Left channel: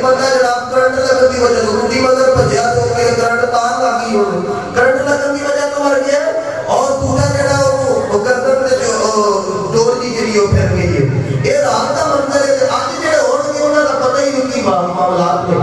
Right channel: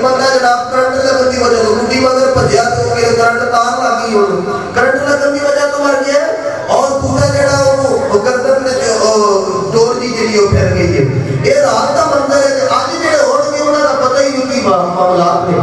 एक बंदा जनाब करंट लगन की वजह तो गुड्डी मगर भजया तो करंट तार लग गई, करंट लगन की वजह तो मर गया। और दूसरा जड़ा वो गर्दन डोर की जी फिर गई है। ये रात का मंदिर है। अज जो हो उन्होंने पता ही नहीं की मामलात ने।